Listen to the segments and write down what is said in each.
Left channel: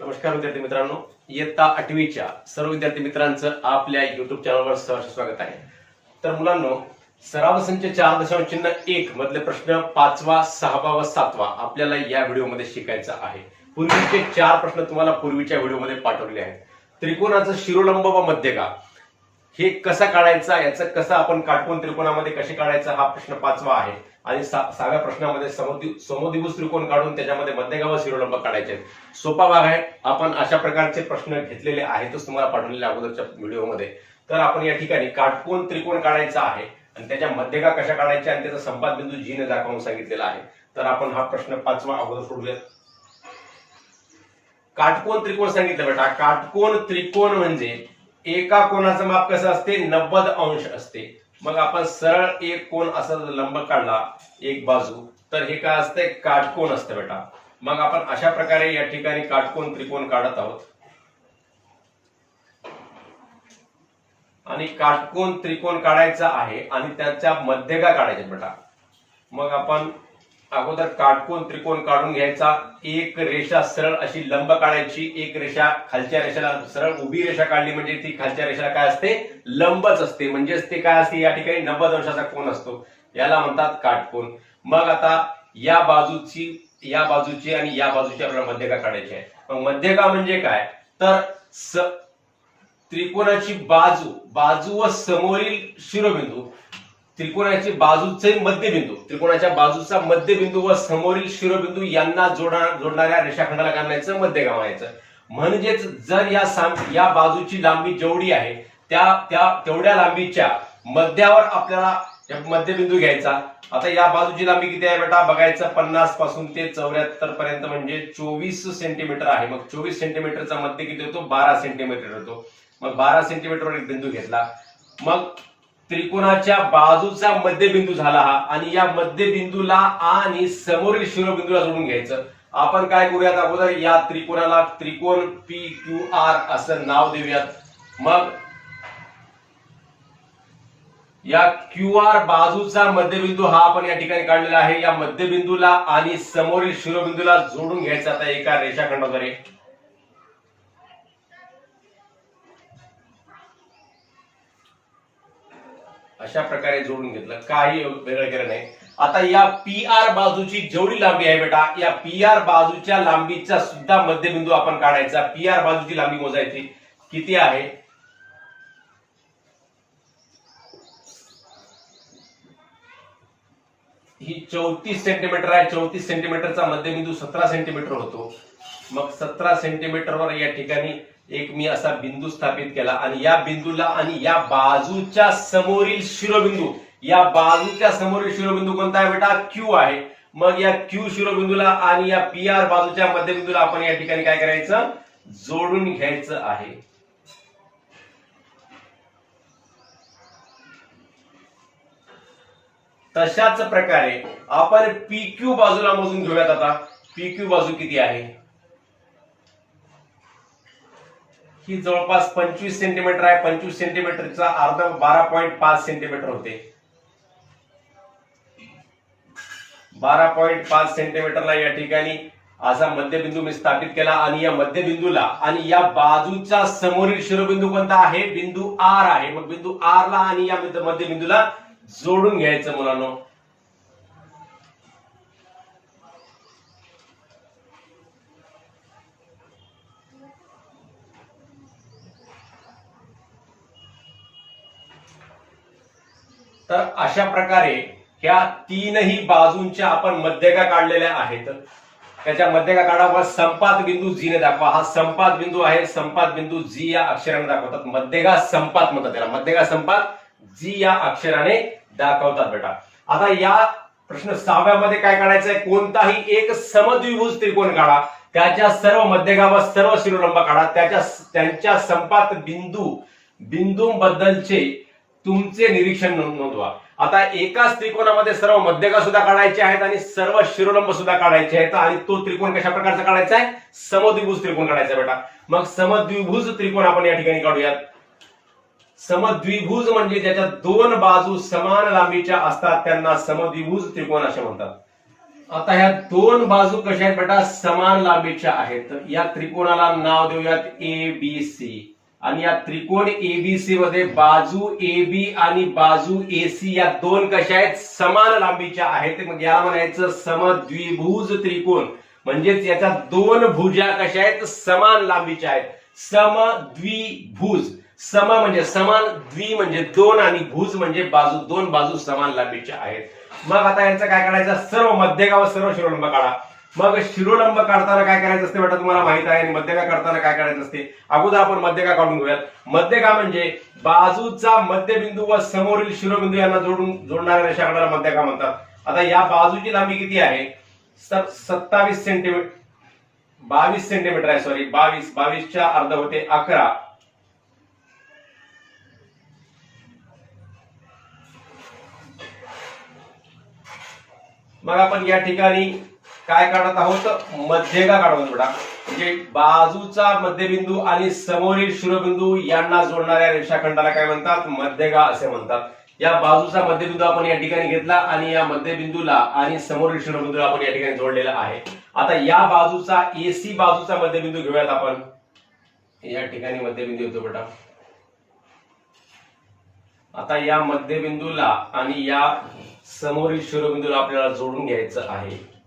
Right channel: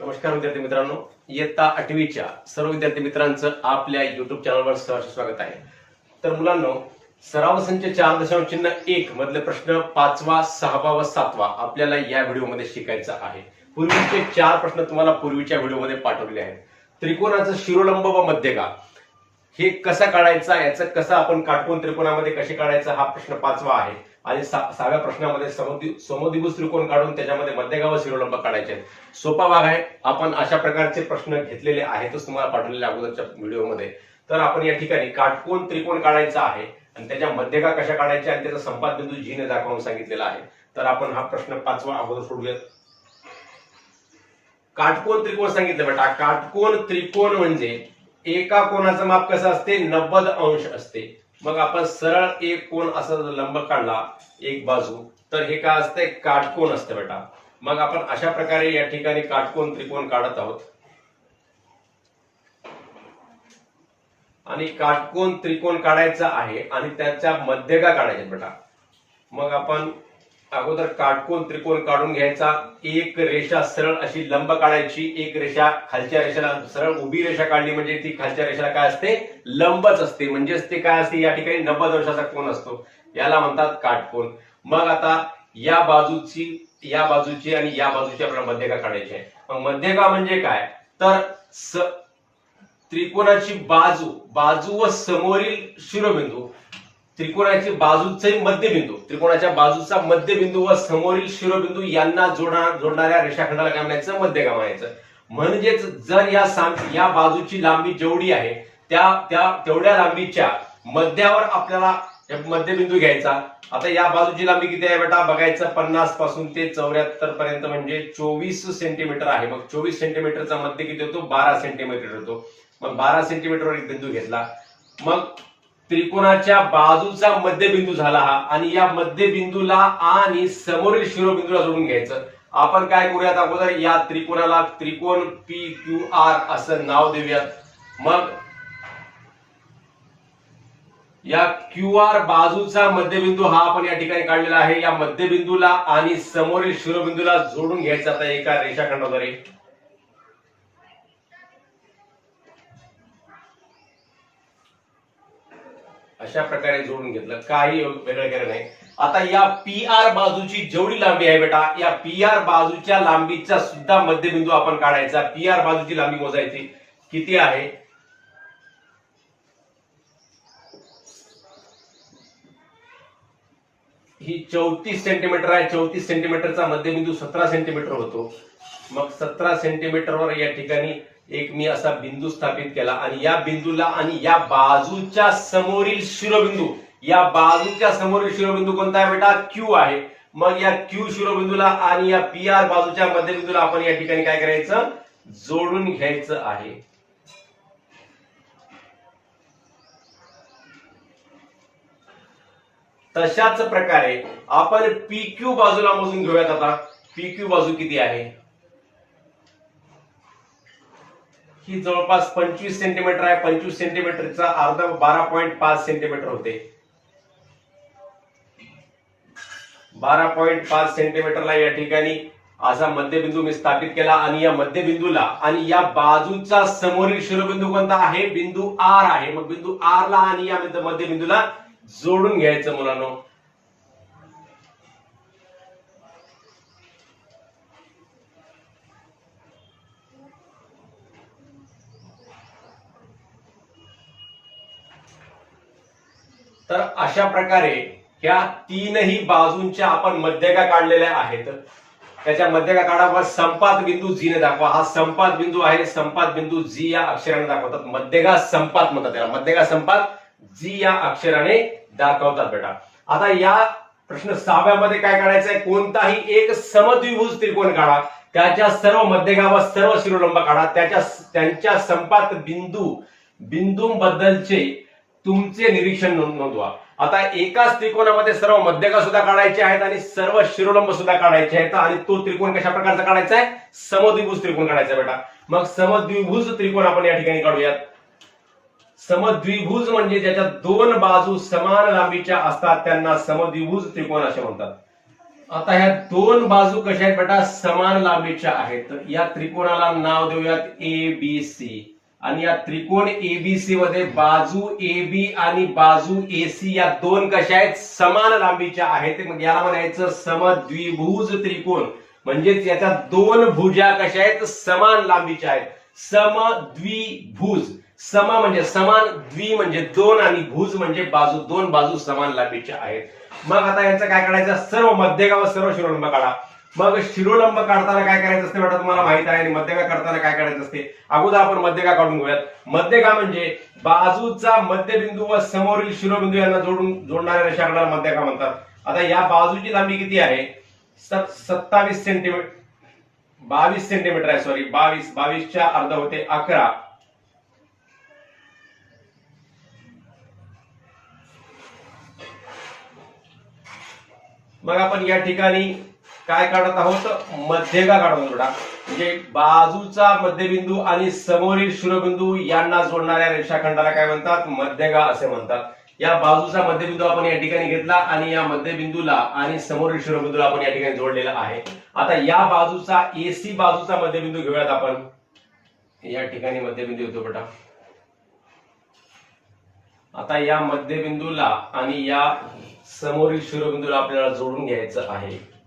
नमस्कार विद्यार्थी मित्रांनो इयत्ता आठवीच्या सर्व विद्यार्थी मित्रांचं आपल्या युट्यूब चॅनलवर सहर्ष स्वागत आहे. तर मुलांनो सराव संच चार दशांश चिन्ह एक मधले प्रश्न पाचवा सहावा व सातवा आपल्याला या व्हिडिओमध्ये शिकायचा आहे. पूर्वीचे चार प्रश्न तुम्हाला पूर्वीच्या व्हिडिओमध्ये पाठवले आहेत. त्रिकोणाचं शिरोलंब व मध्यगा हे कसा काढायचा याचं कसं आपण काटकोन त्रिकोणामध्ये कसे काढायचा हा प्रश्न पाचवा आहे. आणि सहाव्या प्रश्नामध्ये समद्वि- त्रिकोण काढून त्याच्यामध्ये मध्यगाव शिरोलंब काढायचे आहेत. सोपा भाग आहे. आपण अशा प्रकारचे प्रश्न घेतलेले आहेतच तुम्हाला पाठवलेले अगोदरच्या व्हिडिओमध्ये. तर आपण या ठिकाणी काटकोन त्रिकोण काढायचा आहे आणि त्याच्या मध्यगा कशा काढायच्या आणि त्याचा संपाद बिंदू जीने दाखवून सांगितलेला आहे. तर आपण हा प्रश्न पाचवा अगोदर सोडूयात. काटकोन त्रिकोण सांगितलं बेटा. काटकोन त्रिकोण म्हणजे एका कोणाचं माप कसं असते? नव्वद अंश असते. मग आपण सरळ एक कोण असा जर लंब काढला एक बाजू. तर हे काय असतंय? काटकोन असतं बेटा. मग आपण अशा प्रकारे या ठिकाणी काटकोन त्रिकोण काढत आहोत. आणि काटकोन त्रिकोण काढायचा आहे आणि त्याच्या मध्यगा काढायचे बेटा. मग आपण अगोदर काटकोन त्रिकोण काढून घ्यायचा. एक रेषा सरळ अशी लंब काढायची. एक रेषा खालच्या रेषेला सरळ उभी रेषा काढली म्हणजे ती खालच्या रेषेला काय असते? लंबच असते. म्हणजेच ते काय असते? या ठिकाणी नव्वद अंशाचा कोण असतो. याला म्हणतात काटकोन. मग आता या बाजूची या बाजूची आणि या बाजूची आपल्याला मध्यका काढायची आहे. मग मध्यका म्हणजे काय? तर स त्रिकोणाची बाजू बाजू व समोरील शिरोबिंदू. त्रिकोणाची बाजूचे मध्यबिंदू. त्रिकोणाच्या बाजूचा मध्यबिंदू व समोरील शिरोबिंदू यांना जोडा जोडणाऱ्या रेषाखंडाला काढण्याचं मध्यगा म्हणायचं? म्हणजेच जर या साम- या बाजूची लांबी जेवढी आहे त्या त्या तेवढ्या लांबीच्या मध्यावर आपल्याला मध्यबिंदू घ्यायचा. आता या बाजूची लांबी किती आहे बेटा? बघायचं पन्नासपासून ते चौऱ्याहत्तर पर्यंत म्हणजे चोवीस सेंटीमीटर आहे. मग चोवीस सेंटीमीटरचा मध्य किती होतो? बारा सेंटीमीटर होतो. मग बारा सेंटीमीटरवर एक बिंदू घेतला. मग त्रिकोणाच्या बाजूचा मध्यबिंदू झाला हा. आणि या मध्यबिंदूला आणि समोरील शिरोबिंदूला जोडून घ्यायचं. आपण काय करूयात? अगोदर या त्रिकोणाला त्रिकोण पी क्यू आर असं नाव देऊयात. मग या क्यू आर बाजूचा मध्यबिंदू हा आपण या ठिकाणी काढलेला आहे. या मध्यबिंदूला आणि समोरील शिरोबिंदूला जोडून घ्यायचा. आता एका रेषाखंडाद्वारे. अशा प्रकारे जोडून घेतलं. काही वेगळं केलं नाही. आता या पी आर बाजूची जेवढी लांबी आहे बेटा या पी आर बाजूच्या लांबीचा सुद्धा मध्यबिंदू आपण काढायचा. पी आर बाजूची लांबी मोजायची. किती आहे? ही चौतीस सेंटीमीटर आहे. चौतीस सेंटीमीटरचा मध्यबिंदू सतरा सेंटीमीटर होतो. मग सतरा सेंटीमीटरवर या ठिकाणी एक मी असा बिंदू स्थापित केला आणि या बिंदूला आणि या बाजूच्या समोरील शिरोबिंदू या बाजूच्या समोरील शिरोबिंदू कोणता आहे बेटा? क्यू आहे. मग या क्यू शिरोबिंदूला आणि या पी आर बाजूच्या मध्यबिंदूला आपण या ठिकाणी काय करायचं? जोडून घ्यायचं आहे. तशाच प्रकारे आपण पी क्यू बाजूला मोजून घेऊयात आता. पी क्यू बाजू किती आहे? ही जवळपास पंचवीस सेंटीमीटर आहे. पंचवीस सेंटीमीटरचा अर्ध बारा पॉईंट पाच सेंटीमीटर होते. बारा पॉईंट पाच सेंटीमीटरला या ठिकाणी असा मध्यबिंदू मी स्थापित केला आणि या मध्यबिंदूला आणि या बाजूचा समोरील शिरोबिंदू कोणता आहे? बिंदू आर आहे. मग बिंदू आर ला आणि या मध्यबिंदूला जोडून घ्यायचं मुलांनो. तर अशा प्रकारे ह्या तीनही बाजूंच्या आपण मध्यका काढलेल्या आहेत. त्याच्या मध्यका काढा संपात बिंदू जीने दाखवा. हा संपात बिंदू आहे. संपात बिंदू जी या अक्षराने दाखवतात. मध्यगा संपात म्हणतात त्याला. मध्यगा संपात जी या अक्षराने दाखवतात बेटा. आता या प्रश्न सहाव्यामध्ये काय काढायचं आहे कोणताही एक समद्विभुज त्रिकोण काढा. त्याच्या सर्व मध्यगा व सर्व शिरोलंब काढा. त्याच्या त्यांच्या संपात बिंदू बिंदूंबद्दलचे तुमचे निरीक्षण नोंद- नोंदवा. आता एकाच त्रिकोणामध्ये सर्व मध्यका सुद्धा काढायचे आहेत आणि सर्व शिरोलंब सुद्धा काढायचे आहेत. आणि तो त्रिकोण कशा प्रकारचा काढायचा आहे? समद्विभुज त्रिकोण काढायचा आहे बेटा. मग समद्विभुज त्रिकोण आपण या ठिकाणी काढूयात. समद्विभुज म्हणजे ज्याच्या दोन बाजू समान लांबीच्या असतात त्यांना समद्विभुज त्रिकोण असे म्हणतात. आता ह्या दोन बाजू कशा आहेत बेटा? समान लांबीच्या आहेत. या त्रिकोणाला नाव देऊयात ए बी सी आणि या त्रिकोण एबीसी मध्ये बाजू ए बी आणि बाजू एसी या दोन कशा आहेत? समान लांबीच्या आहेत. मग याला म्हणायचं समद्विभुज त्रिकोण. म्हणजेच याच्या दोन भुजा कशा आहेत? समान लांबीच्या आहेत. समद्विभुज. सम म्हणजे समान द्वि म्हणजे दोन आणि भुज म्हणजे बाजू दोन बाजू समान लांबीच्या आहेत. मग आता यांचं काय करायचं सर्व मध्यगाव सर्व शिरोलंब काढा. मग शिरोलंब काढताना काय करायचं असते बेटा तुम्हाला माहीत आहे आणि मध्यगा काढताना काय करायचं असते? अगोदर आपण मध्यगा काढून घेऊयात. मध्यगा म्हणजे बाजूचा मध्यबिंदू व समोरील शिरोबिंदू यांना जोडून जोडणाऱ्या रेषाखंडाला मध्यगा म्हणतात. आता या बाजूची लांबी किती आहे? सत्तावीस सेंटीमीटर बावीस सेंटीमीटर आहे सॉरी बावीस. बावीसच्या अर्ध होते अकरा. मग आपण या ठिकाणी काय काढत आहोत? मध्यगा काढत आहोत बेटा म्हणजे बाजूचा मध्यबिंदू आणि समोरील शिरोबिंदू यांना जोडणाऱ्या रेषाखंडाला काय म्हणतात? मध्यगा असे म्हणतात. या बाजूचा मध्यबिंदू आपण या ठिकाणी घेतला आणि या मध्यबिंदूला आणि समोरील शिरोबिंदूला आपण या ठिकाणी जोडलेला आहे. आता या बाजूचा एसी बाजूचा मध्यबिंदू घेऊयात आपण. या ठिकाणी मध्यबिंदू येतो बेटा. आता या मध्यबिंदूला आणि या समोरील शिरोबिंदूला आपल्याला जोडून घ्यायचं आहे.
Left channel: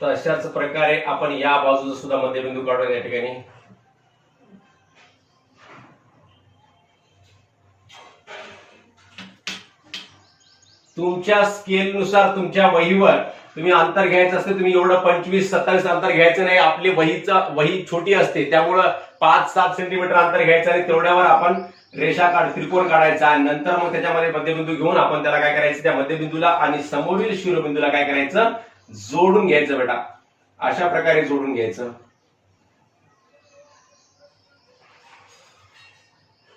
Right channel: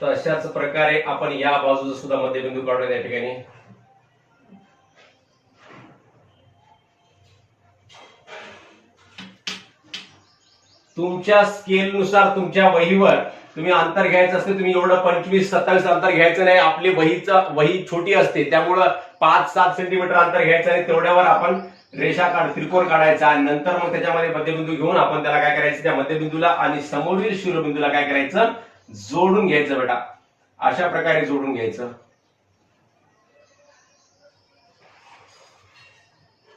तर अशाच प्रकारे आपण या बाजूचा सुद्धा मध्यबिंदू काढूया या ठिकाणी. तुमच्या स्केलनुसार तुमच्या वहीवर तुम्ही अंतर घ्यायचं असते तुम्ही एवढं पंचवीस सत्तावीस अंतर घ्यायचं नाही. आपली वहीचं वही छोटी असते त्यामुळं पाच सात सेंटीमीटर अंतर घ्यायचं आणि तेवढ्यावर आपण रेषा काढ त्रिकोण काढायचा आणि नंतर मग त्याच्यामध्ये मध्यबिंदू घेऊन आपण त्याला काय करायचं? त्या मध्यबिंदूला आणि समोरील शिरोबिंदूला काय करायचं? जोडून घ्यायचं बेटा. अशा प्रकारे जोडून घ्यायचं.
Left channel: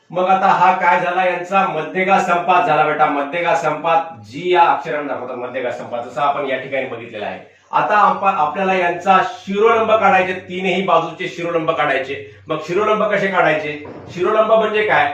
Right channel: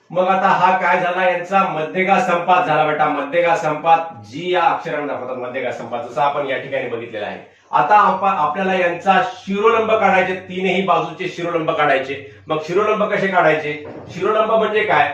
मग आता हा काय झाला? यांचा मध्यगा संपात झाला बेटा. मध्यगा संपात जी या अक्षराने दाखवतात मध्यगा संपात जसं आपण या ठिकाणी बघितलेला आहे. आता आपल्याला यांचा शिरोलंब काढायचे. तीनही बाजूचे शिरोलंब काढायचे. मग शिरोलंब कसे काढायचे? शिरोलंब म्हणजे काय?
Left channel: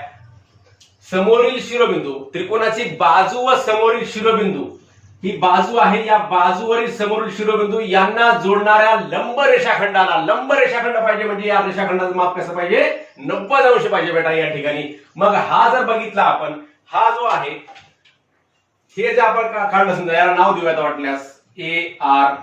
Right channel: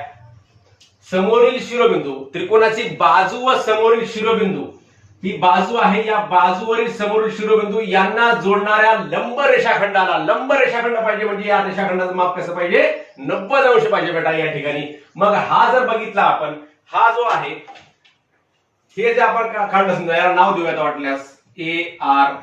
समोरील शिरोबिंदू त्रिकोणाची बाजू व समोरील शिरोबिंदू. ही बाजू आहे या बाजूवरील समोरील शिरोबिंदू यांना जोडणाऱ्या लंब रेषाखंडाला. लंब रेषाखंड पाहिजे म्हणजे या रेषाखंडाचं माप कसं पाहिजे? नव्वद अंश पाहिजे बेटा या ठिकाणी. मग हा जर बघितला आपण हा जो आहे हे जे आपण का- काढलं समजा याला नाव देऊयात वाटल्यास. A R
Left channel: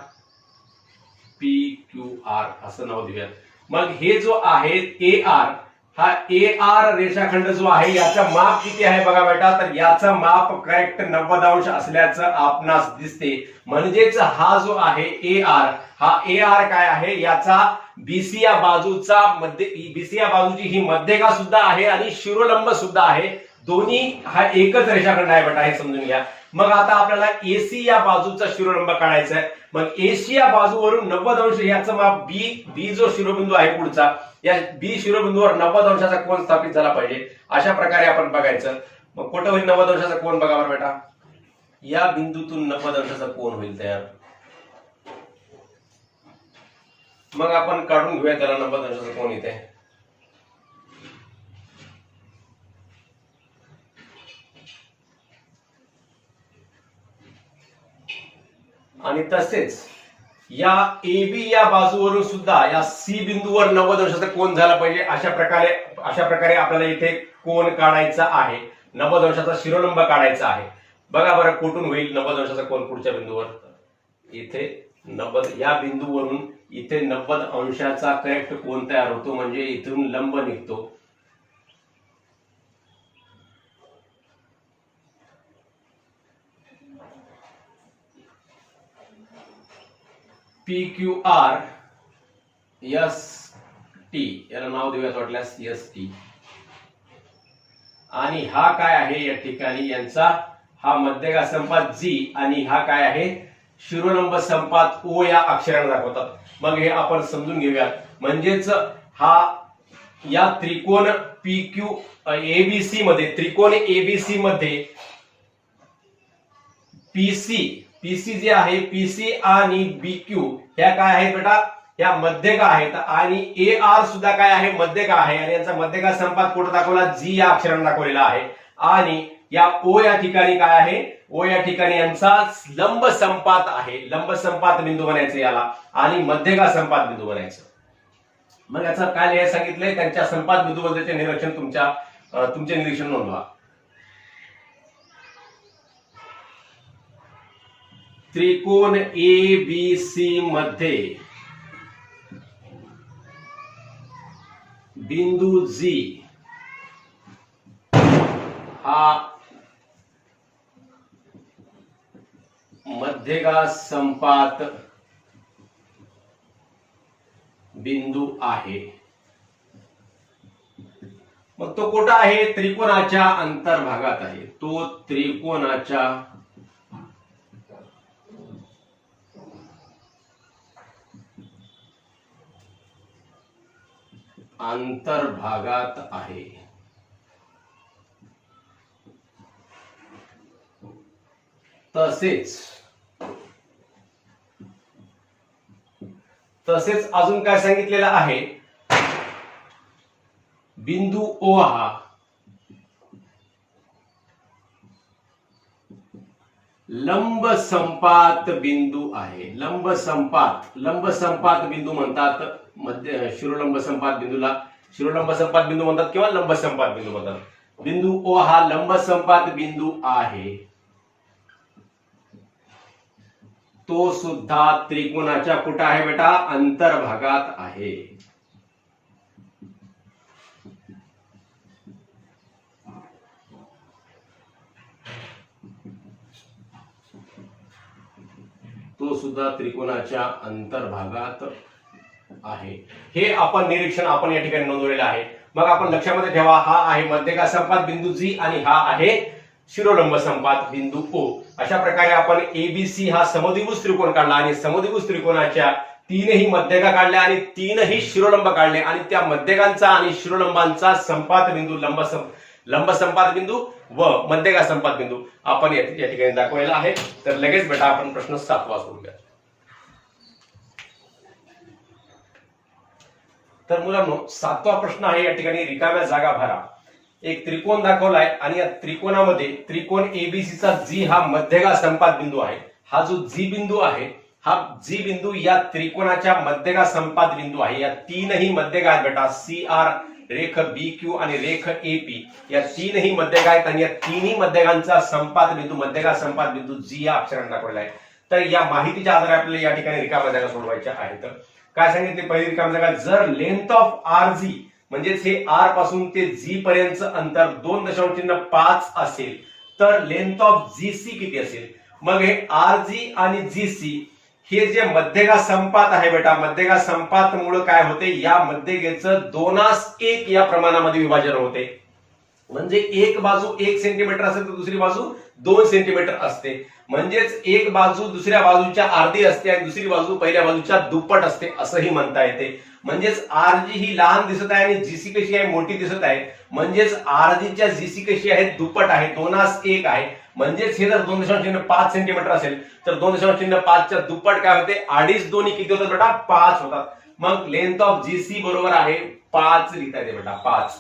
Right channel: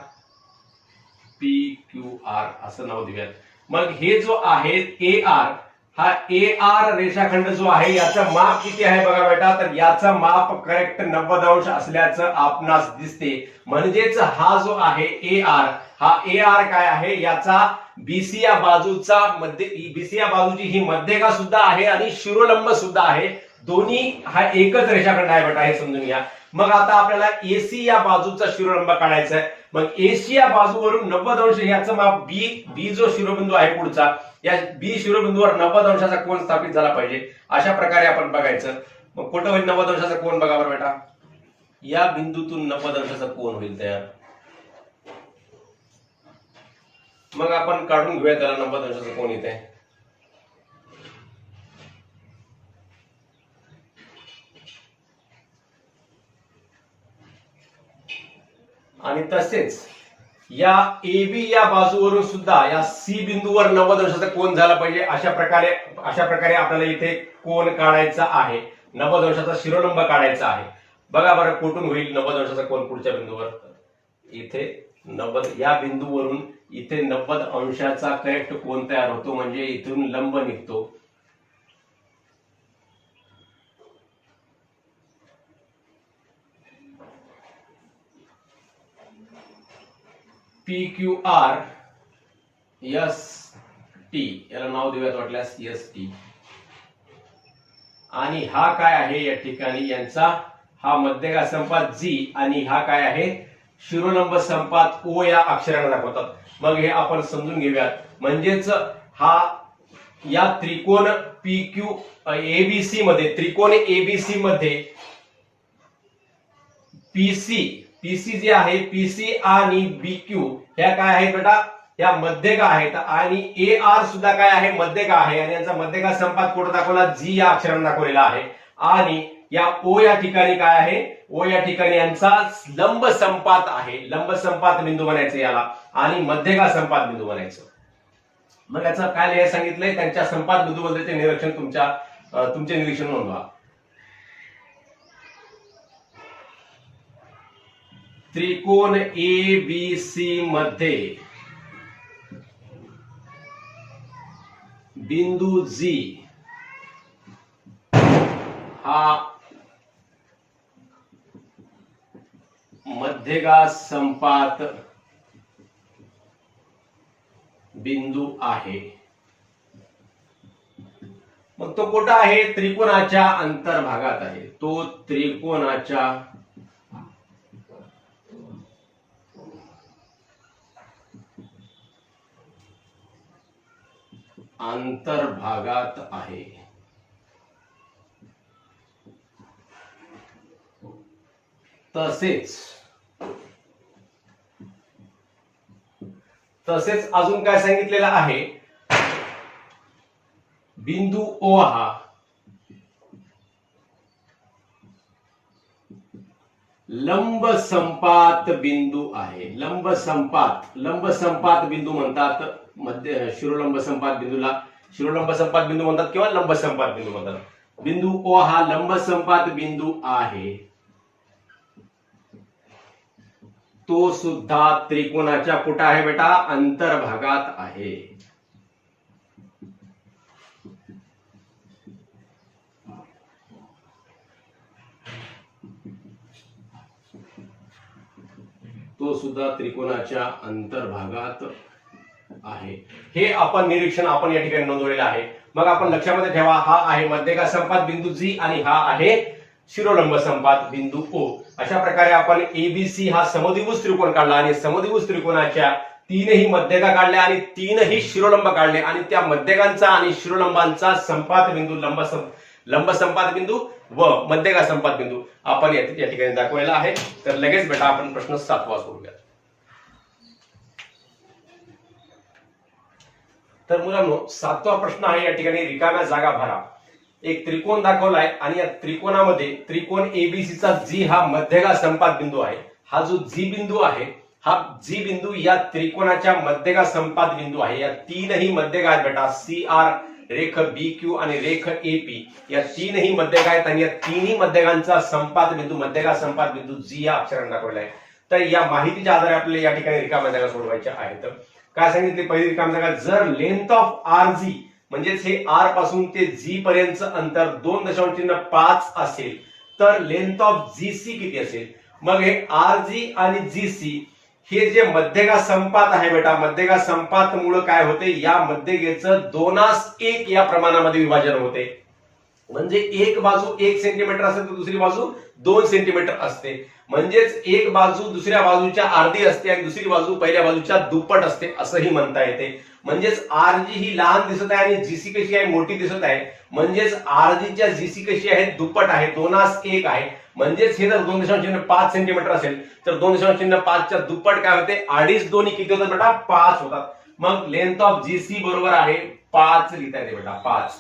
P Q R असं नाव देऊयात. मग हे जो आहे ए आर हा ए आर रेषाखंड जो आहे याचं माप किती आहे बघा बेटा? तर याचं माप करेक्ट नव्वद अंश असल्याचं आपणास दिसते. म्हणजेच हा जो आहे ए आर हा ए आर काय आहे? याचा बीसी या बाजूचा मध्ये बीसी या बाजूची ही मध्यका सुद्धा आहे आणि शिरोलंब सुद्धा आहे. दोन्ही हा एकच रेषाखंड आहे बेटा हे समजून घ्या. मग आता आपल्याला एसी या बाजूचा शिरोलंब काढायचा आहे मग एसी या बाजूवरून नव्वद अंश याचं माप बी बी जो शिरोबिंदू आहे पुढचा या बी शिरोबिंदूवर नव्वद अंशाचा कोण स्थापित झाला पाहिजे. अशा प्रकारे आपण बघायचं. मग कुठं होईल नव्वद अंशाचा कोण बघा बरं बेटा. या बिंदूतून नव्वद अंशाचा कोण होईल तयार. मग आपण काढून घेऊया त्याला नव्वद अंशाचा कोण येते आणि तसेच या ए बी या बाजूवरून सुद्धा या सी बिंदूवर नव्वद अंशाचा कोण झाला पाहिजे अशा प्रकारे अशा प्रकारे आपल्याला इथे कोण काढायचा आहे. नव्वद अंशाचा शिरोलंब काढायचा आहे. बघा बरं कुठून होईल नव्वद अंशाचा कोण पुढच्या बिंदूवर? इथे नव्वद या बिंदूवरून इथे नव्वद अंशाचा करेक्ट कोण तयार होतो म्हणजे इथून लंब निघतो. P Q R S T याला नाव देऊयात वाटल्यास एस टी आणि हा काय आहे या ठिकाणी? यांचा हा मध्यगा संपात जी आणि हा काय आहे? शिरोलंब संपात ओ या अक्षराने दाखवतात. मग हे आपण समजून घेऊयात. म्हणजेच हा या त्रिकोण पी क्यू एबीसी मध्ये त्रिकोण एबीसी मध्ये पीसी पीसी जे आहे पीसी आणि बीक्यू ह्या काय आहेत बेटा? या मध्यका आहेत. आणि ए आर सुद्धा काय आहे? मध्यका आहे. आणि यांचा मध्यका संपात कुठं दाखवला? जी या अक्षराने दाखवलेला आहे. आणि या ओ या ठिकाणी काय आहे? ओ या ठिकाणी यांचा लंब संपात आहे. लंब संपात बिंदू बनायचं याला. आणि मध्यका संपात बिंदू बनायचं. मग याचं काय लिहायला सांगितलंय? त्यांच्या संपात बिंदू बद्दलचे निरीक्षण तुमच्या तुमचे निरीक्षण नोंदवा. त्रिकोण ए बी सी मध्ये बिंदू जी हा मध्यगा संपात बिंदू आहे. मग तो कुठं आहे? त्रिकोणाच्या अंतर्भागात आहे. तो त्रिकोणाच्या अंतर्भागात आहे. तसेच तसेच अजून काय सांगितलेलं आहे? बिंदू ओ हा लंब संपात बिंदू आहे. लंब संपात लंब संपात बिंदू म्हणतात मध्य शिरोलंब संपात बिंदूला. शिरोलंब संपात बिंदू म्हणतात किंवा लंब संपात बिंदू म्हणतात? बिंदू ओ हा लंब संपात बिंदू आहे. तो सुद्धा त्रिकोणाच्या कुठं आहे बेटा? अंतर्भागात आहे. तो सुद्धा त्रिकोणाच्या अंतर्भागात आहे. हे आपण निरीक्षण आपण या ठिकाणी नोंदवलेलं आहे. मग आपण लक्षामध्ये ठेवा हा आहे मध्यका संपात बिंदू जी आणि हा आहे शिरोलंब संपात बिंदू ओ अशा प्रकारे आपण एबीसी हा समद्विभुज त्रिकोण काढला आणि समद्विभुज त्रिकोणाच्या तीनही मध्यका काढल्या आणि तीनही शिरोलंब काढले. आणि त्या मध्यकांचा आणि शिरोलंबांचा संपात बिंदू लंब सं- लंब संपात बिंदू व मध्यगा संपात बिंदू. आपण या या ठिकाणी दाखवलेला आहे. तर लगेच बेटा आपण प्रश्न सातवा सोडूया तर मुलांनो सातवा प्रश्न आहे या ठिकाणी रिकाम्या जागा भरा. एक त्रिकोण दाखवलाय आणि या त्रिकोणामध्ये त्रिकोण एबीसीचा जी हा मध्यगा संपात बिंदू आहे. हा जो जी बिंदू आहे हा जी बिंदू या त्रिकोणाच्या मध्यगा संपात बिंदू आहे. या तीनही मध्यगा आहेत बेटा. सी आर रेख बी क्यू आणि रेख ए पी. या तीनही मध्यगा आहेत आणि या तिन्ही मध्यगांचा संपात बिंदू मध्यगा संपात बिंदू जी या अक्षराने दाखवलेला आहे. तर या माहितीच्या आधारे आपल्याला या ठिकाणी रिकाम्या जागा सोडवायच्या आहेत. काय सांगितले? पहिली रिकाम जागा जर लेंथ ऑफ आर जी म्हणजेच हे आरपासून ते जी पर्यंत अंतर दोन दशांश चिन्ह पाच असेल तर लेंथ ऑफ जी सी किती असेल? मग हे आर जी आणि जी सी हे जे मध्यगा संपात आहे बेटा मध्यगा संपात मुळे काय होते? या मध्यगेचं दोनास एक या प्रमाणामध्ये विभाजन होते. म्हणजे एक बाजू एक सेंटीमीटर असेल तर दुसरी बाजू दोन सेंटीमीटर असते. म्हणजेच एक बाजू दुसऱ्या बाजूच्या अर्धी असते आणि दुसरी बाजू पहिल्या बाजूच्या दुप्पट असते असंही म्हणता येते. म्हणजेच आरजी ही लहान दिसत आहे आणि जीसी कशी आहे? मोठी दिसत आहे. म्हणजेच आरजीच्या जीसी कशी आहे? दुप्पट आहे दोनास एक आहे. म्हणजेच हे जर दोन दशांश चिन्ह पाच सेंटीमीटर असेल तर दोन दशांश चिन्ह पाचच्या दुप्पट काय होते? अडीच दोन्ही किती होतात बेटा? पाच होतात. मग लेंथ ऑफ जीसी बरोबर आहे पाच लिहिता येते बेटा पाच.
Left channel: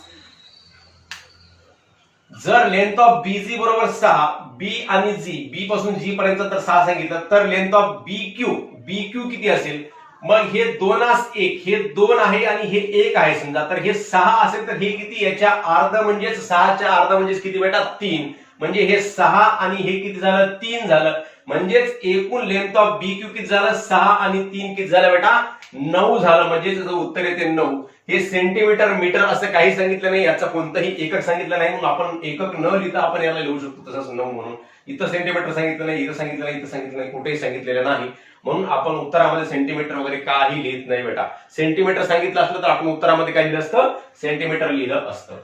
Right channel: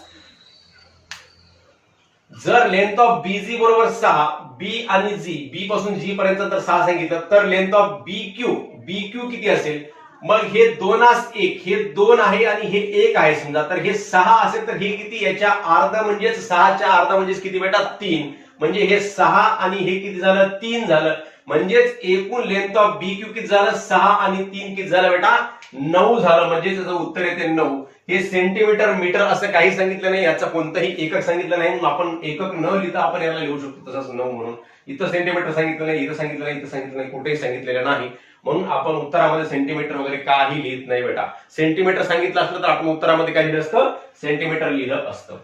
जर लेंथ ऑफ बी जी बरोबर सहा बी आणि जी बी पासून जी पर्यंत तर सहा सांगितलं तर length of B Q B Q किती असेल? मग हे दोनास एक हे दोन आहे आणि हे एक आहे समजा. तर हे सहा असेल तर हे किती? याच्या अर्ध म्हणजेच सहाच्या अर्ध म्हणजेच किती बेटा? तीन. म्हणजे हे सहा आणि हे किती झालं? तीन झालं. म्हणजेच एकूण लेंथ ऑफ बी क्यू किती झालं? सहा आणि तीन किती झालं बेटा? नऊ झालं. म्हणजे त्याचं उत्तर येते नऊ. हे सेंटीमीटर मीटर असं काही सांगितलं नाही. याचं कोणतंही एकक सांगितलं नाही. म्हणून आपण एकक न लिहिता आपण याला लिहू शकतो तसंच नऊ म्हणून. इथं सेंटीमीटर सांगितलं नाही इथं सांगितलं नाही इथं सांगितलं नाही कुठेही सांगितलेलं नाही. म्हणून आपण उत्तरामध्ये सेंटीमीटर वगैरे काही लिहित नाही बेटा. सेंटीमीटर सांगितलं असलं तर आपण उत्तरामध्ये काय लिहिलं असतं? सेंटीमीटर लिहिलं असतं.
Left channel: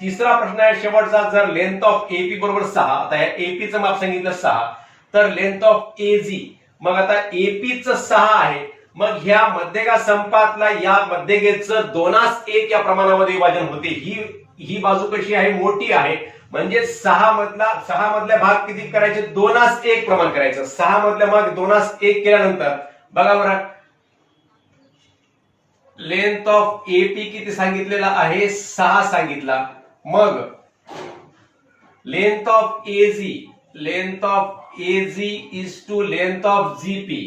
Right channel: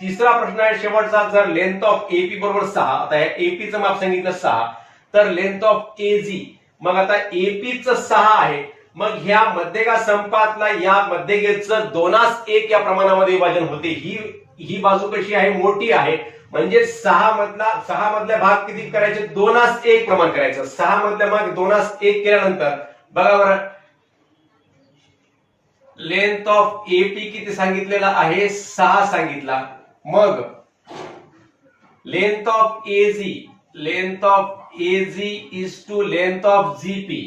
तिसरा प्रश्न आहे शेवटचा. जर लेंथ ऑफ एपी बरोबर सहा आता या एपीचं माप सांगितलं सहा तर लेंथ ऑफ एजी मग आता एपीचं सहा आहे मग ह्या मध्यगा संपातला या मध्यगेचं दोनास एक या प्रमाणामध्ये विभाजन होते. ही ही बाजू कशी आहे? मोठी आहे. म्हणजे सहा मधला सहा मधल्या भाग किती करायचे? दोनास एक प्रमाण करायचं. सहा मधल्या भाग दोनास एक केल्यानंतर बघा बरं. लेंथ ऑफ एपी किती सांगितलेला आहे? सहा सांगितला. मग length of AG length of AG is two length of GP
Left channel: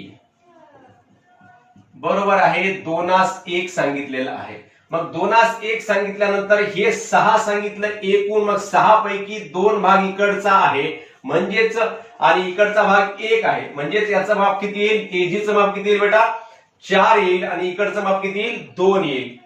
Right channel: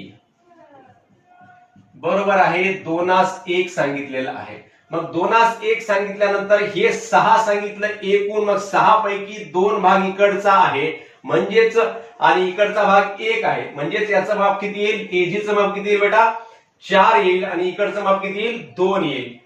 बरोबर आहे दोनास एक सांगितलेलं आहे. मग दोनास एक सांगितल्यानंतर हे सहा सांगितलं एकूण मग सहा पैकी दोन भाग इकडचा आहे. म्हणजेच आणि इकडचा भाग एक आहे. म्हणजेच याचा माप किती येईल? एजीचं माप किती येईल बेटा? चार येईल आणि इकडचं माप किती येईल? दोन येईल.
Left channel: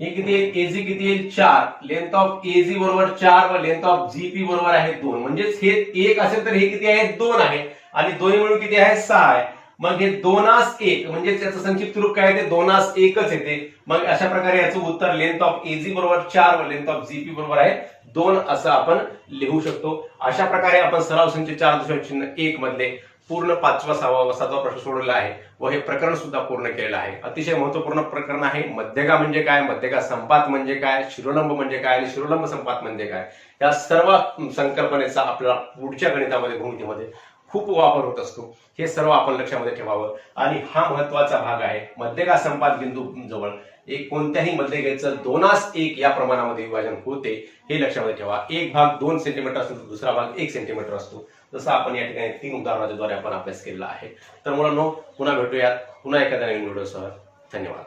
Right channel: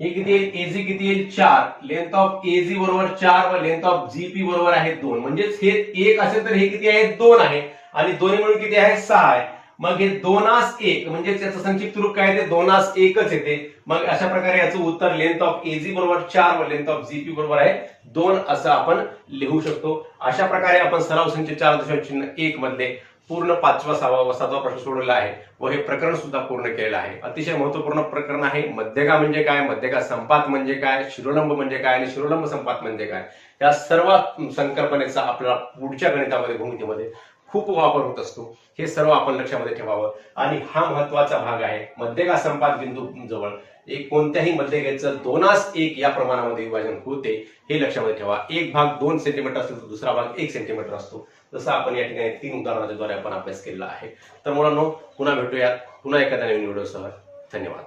हे किती येईल एजी किती येईल? चार. लेंथ ऑफ एजी बरोबर चार व लेंथ ऑफ जीपी बरोबर आहे दोन. म्हणजेच हे एक असेल तर हे किती आहे? दोन आहे. आणि दोन्ही मिळून किती आहे? सहा आहे. मग हे दोनास एक म्हणजे त्याचं संक्षिप्त रूप काय येते? दोनास एकच येते. मग अशा प्रकारे याचं उत्तर लेंथ ऑफ एजी बरोबर चार व लेंथ ऑफ जीपी बरोबर आहे दोन असं आपण लिहू शकतो. अशा प्रकारे आपण सराव संच चार दशांश चिन्ह एक मधले पूर्ण पाचवा सहावा सातवा प्रश्न सोडवला आहे. व हे प्रकरण सुद्धा पूर्ण केलेलं आहे. अतिशय महत्त्वपूर्ण प्रकरण आहे. मध्यगा म्हणजे काय? मध्यगा संपात म्हणजे काय? शिरोलंब म्हणजे काय? आणि शिरोलंब संपात म्हणजे काय? या सर्व संकल्पनेचा आपल्याला पुढच्या गणितामध्ये भूमितीमध्ये खूप वापर होत असतो. हे सर्व आपण लक्षामध्ये ठेवावं. आणि हा महत्त्वाचा भाग आहे. मध्यगा संपात बिंदू जवळ एक कोणत्याही मध्यगेचं दोनास एक या प्रमाणामध्ये विभाजन होते हे लक्षामध्ये ठेवा. एक भाग दोन सेंटीमीटर असतो तर दुसरा भाग एक सेंटीमीटर असतो. जसं आपण या ठिकाणी तीन उदाहरणाच्या द्वारे आपण अभ्यास केलेला आहे. तर मुलांनो पुन्हा भेटूयात. पुन्हा एखाद्या नवीन व्हिडिओसह धन्यवाद.